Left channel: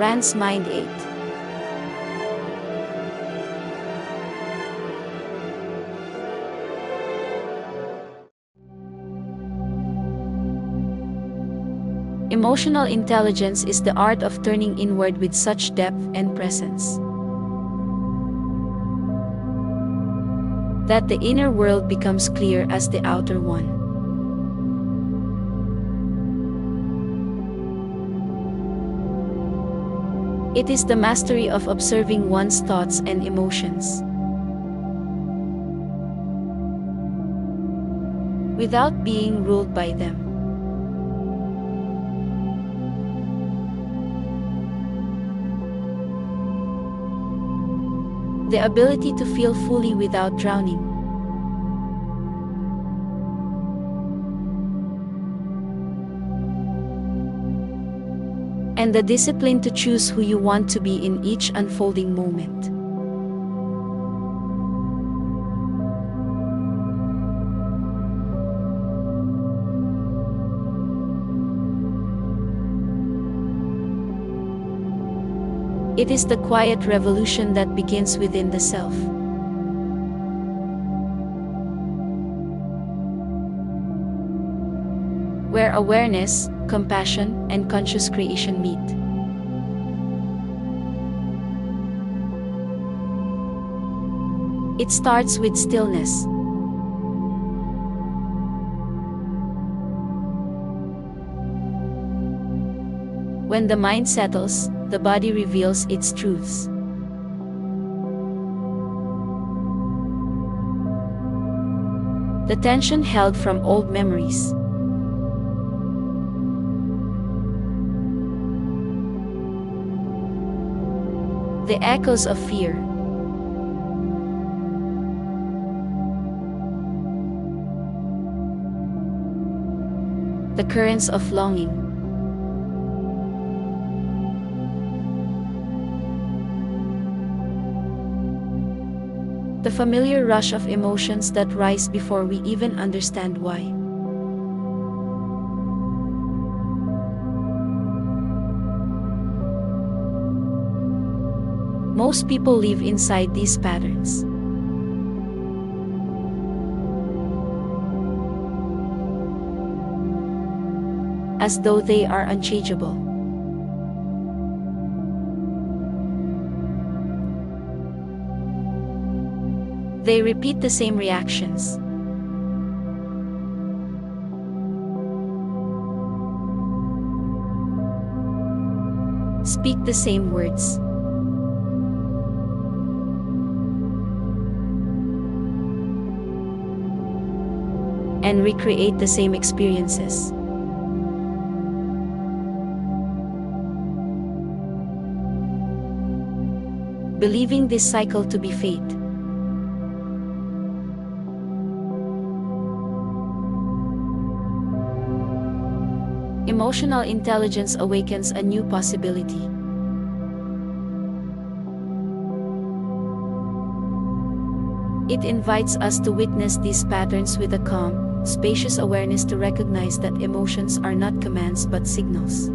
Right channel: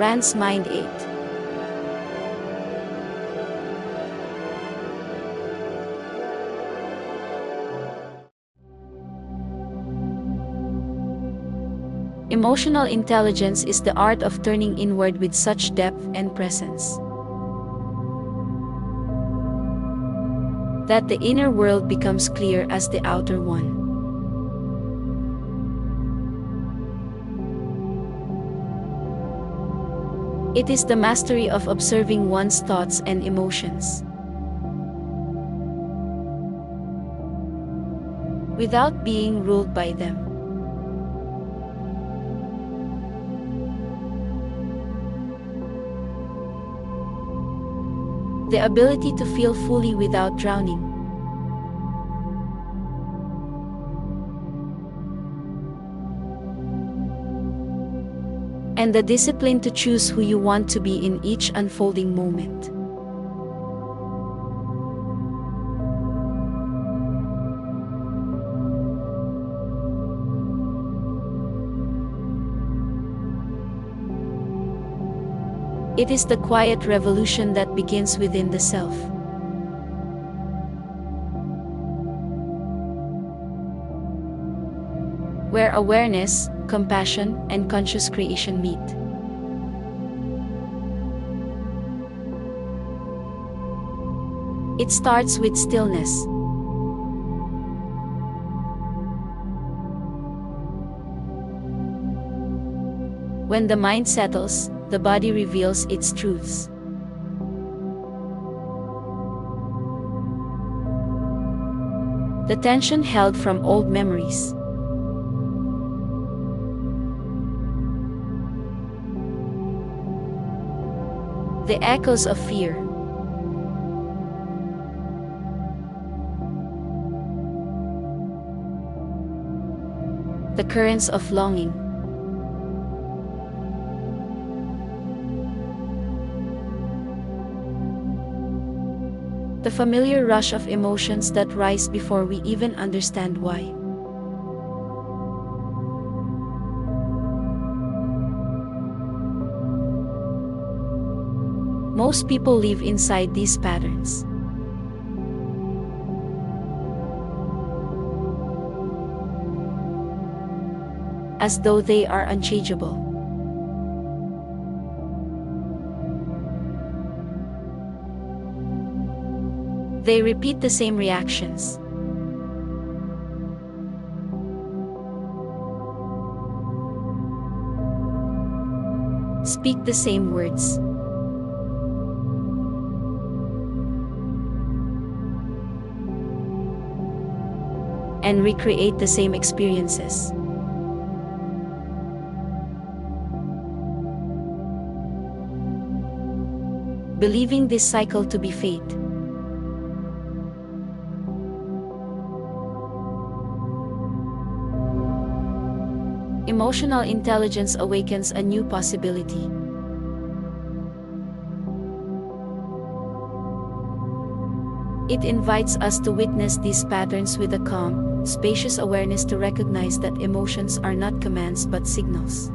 Rand's Mind 8. Emotional intelligence is the art of turning inward with such depth and presence that the inner world becomes clear as the outer one. It is the mastery of observing one's thoughts and emotions without being ruled by them. The ability to feel fully without drowning. And the discipline to choose who you want to be in each unfolding moment. It is the quiet revolution that begins within the self. Where awareness, compassion, and conscious creation meet. It starts with stillness. When the mind settles, the body reveals its truths. The tension held from old memories. The echoes of fear. The currents of longing. The familiar rush of emotions that rise before we even understand why. Most people live inside these patterns. As though they are unchangeable. They repeat the same reactions. Speak the same words. And recreate the same experiences. Believing this cycle to be fate. Emotional intelligence awakens a new possibility. It invites us to witness these patterns with a calm, spacious awareness, to recognize that emotions are not commands but signals.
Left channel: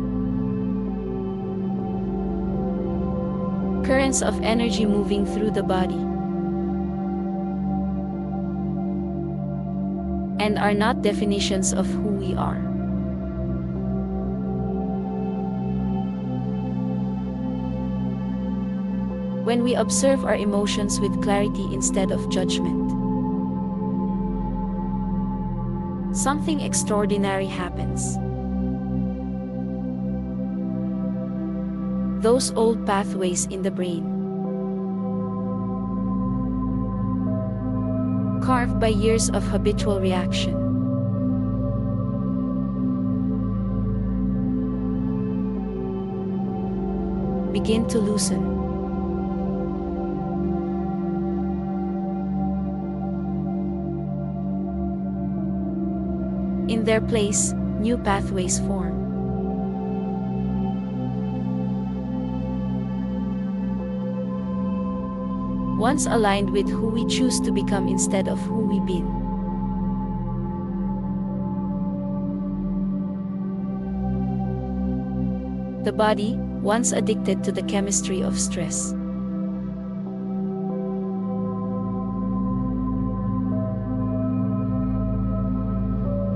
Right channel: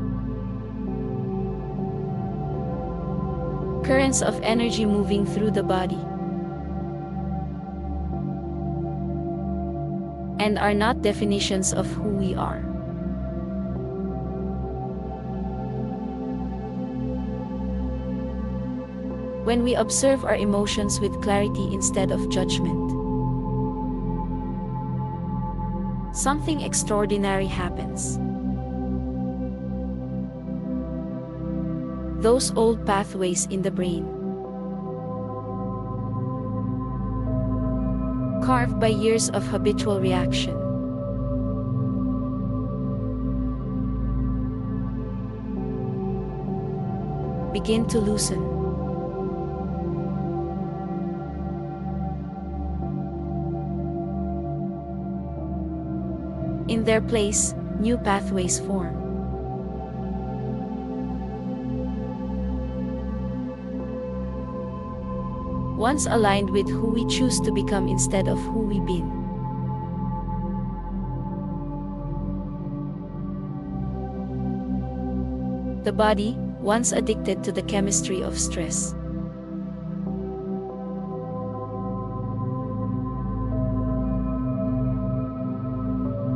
Currents of energy moving through the body. And are not definitions of who we are. When we observe our emotions with clarity instead of judgment, something extraordinary happens. Those old pathways in the brain, carved by years of habitual reaction, begin to loosen. In their place, new pathways form. Once aligned with who we choose to become instead of who we've been. The body, once addicted to the chemistry of stress,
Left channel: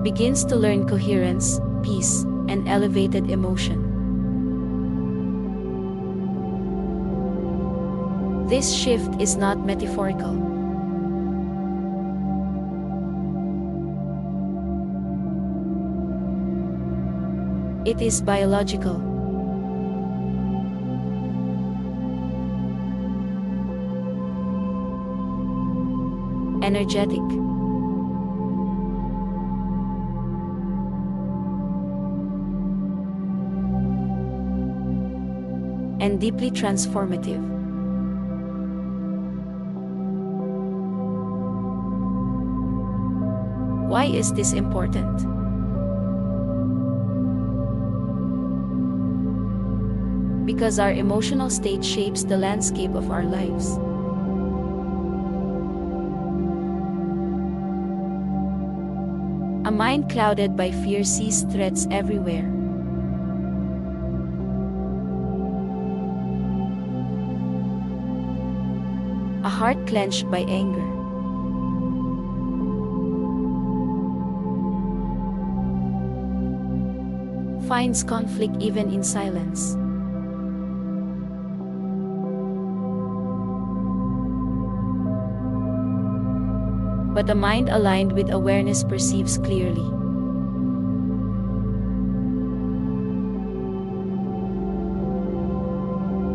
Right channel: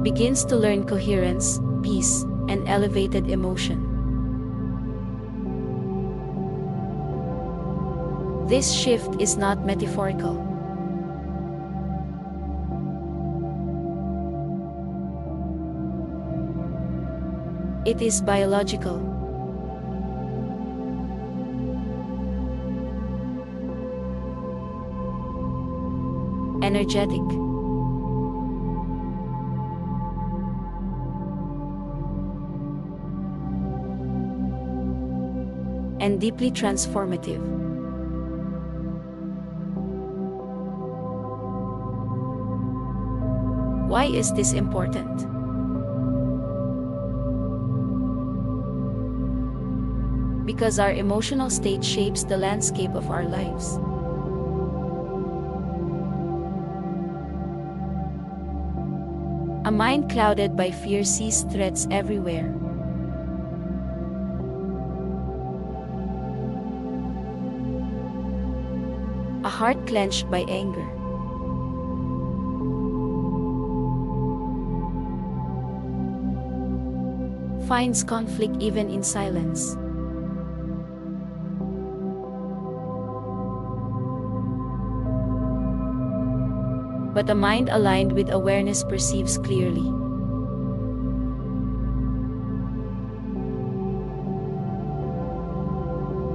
begins to learn coherence, peace, and elevated emotion. This shift is not metaphorical. It is biological. Energetic. And deeply transformative. Why is this important? Because our emotional state shapes the landscape of our lives. A mind clouded by fear sees threats everywhere. A heart clenched by anger finds conflict even in silence. But a mind aligned with awareness perceives clearly.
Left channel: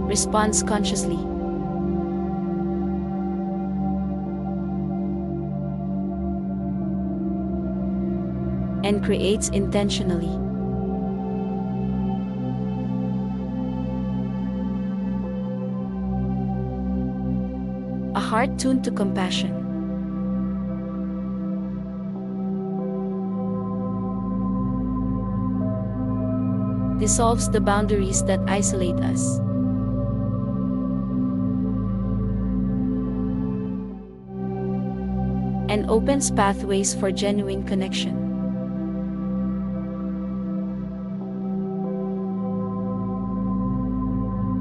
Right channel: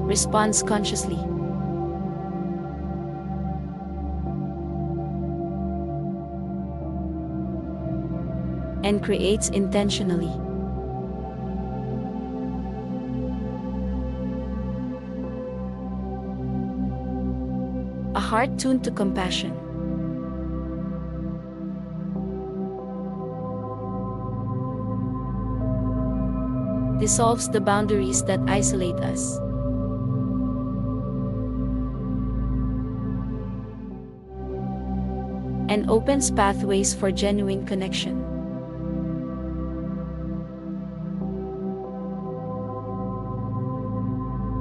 Responds consciously. And creates intentionally. A heart tuned to compassion dissolves the boundaries that isolate us. And opens pathways for genuine connection.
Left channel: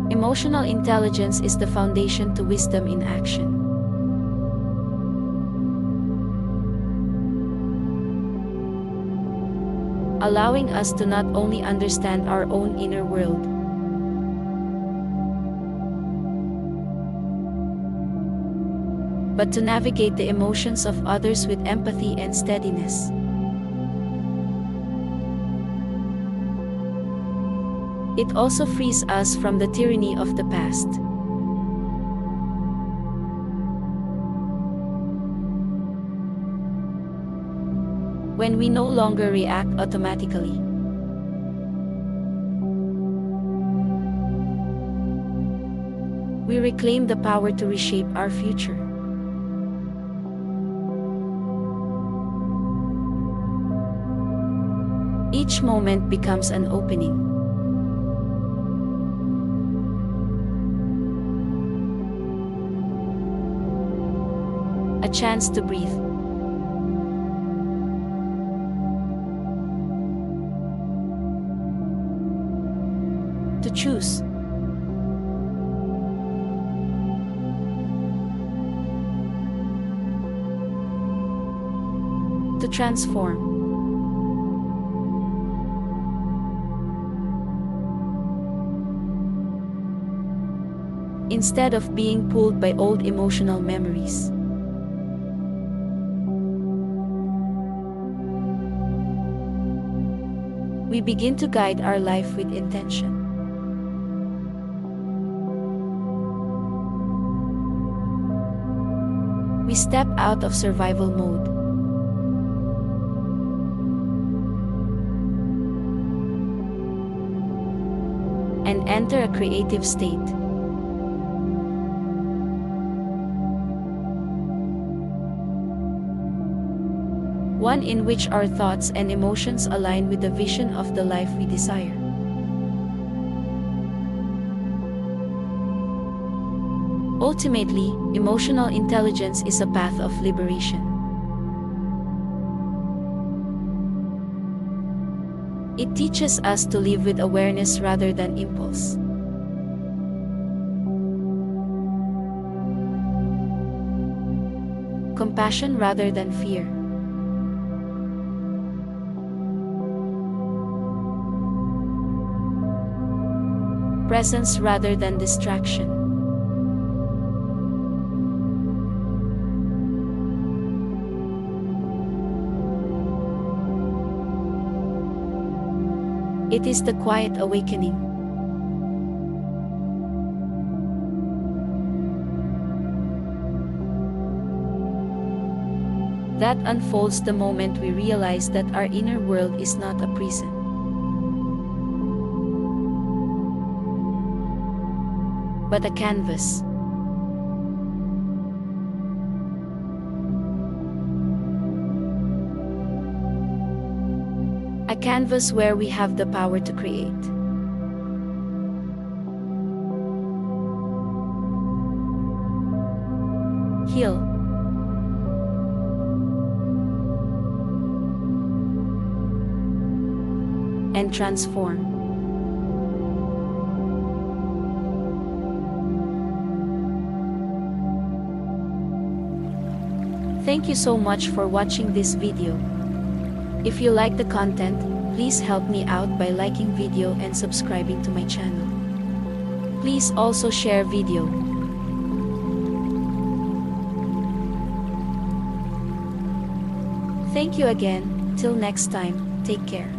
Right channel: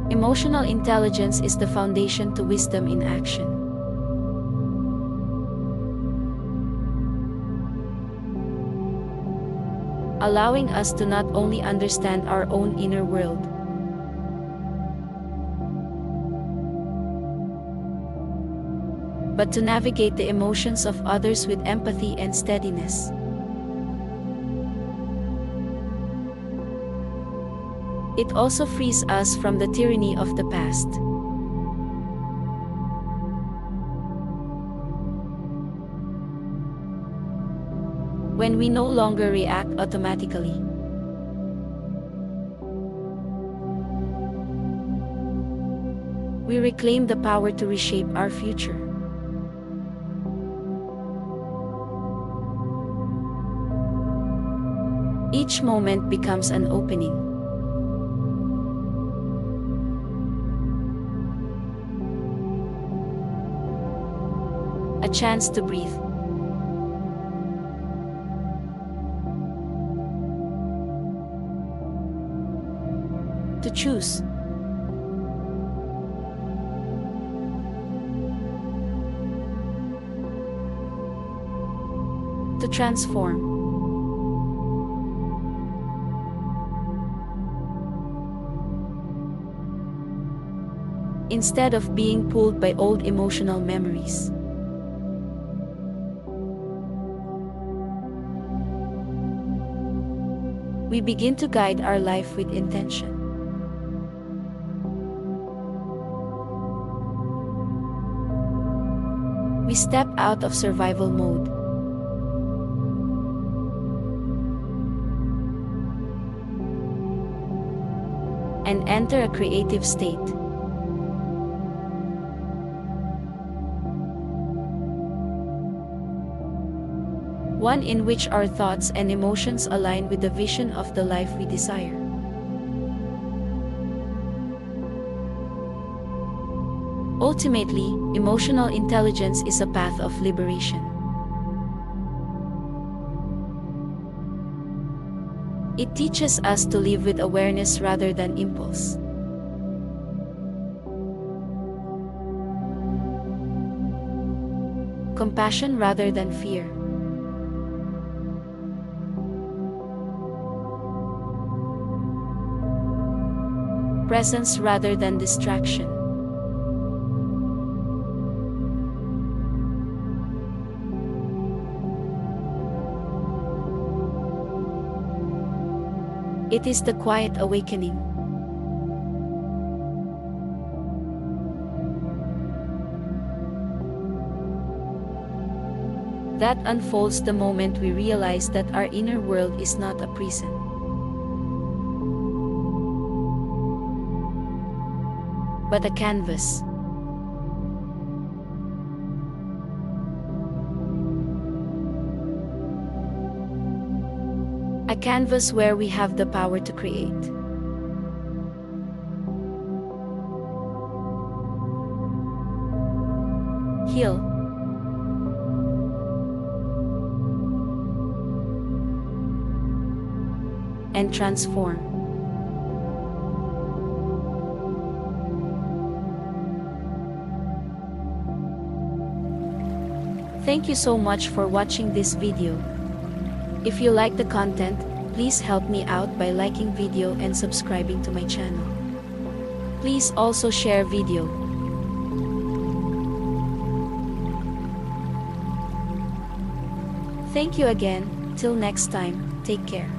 Emotional intelligence is the foundation to wisdom in action. Allowing us to not only understand our own inner world, but to navigate the emotions of others with empathy and steadiness. It also frees us from the tyranny of the past. When we no longer react automatically, we reclaim the power to reshape our future. Each moment becomes an opening. A chance to breathe. To choose. To transform. Instead of being pulled by old emotional memories. We begin to guide our life with intention. We step out of survival mode and enter a creative state. One in which our thoughts and emotions align with the vision of the life we desire. Ultimately, emotional intelligence is a path of liberation. It teaches us to live with awareness rather than impulse. Compassion rather than fear. Presence rather than distraction. It is the quiet awakening. That unfolds the moment we realize that our inner world is not a prison, but a canvas. A canvas where we have the power to create. Heal. And transform. Thank you so much for watching this video. If you like the content, please help me out by liking video and subscribing to my channel. Please also share video. Thank you again. Till next time, take care.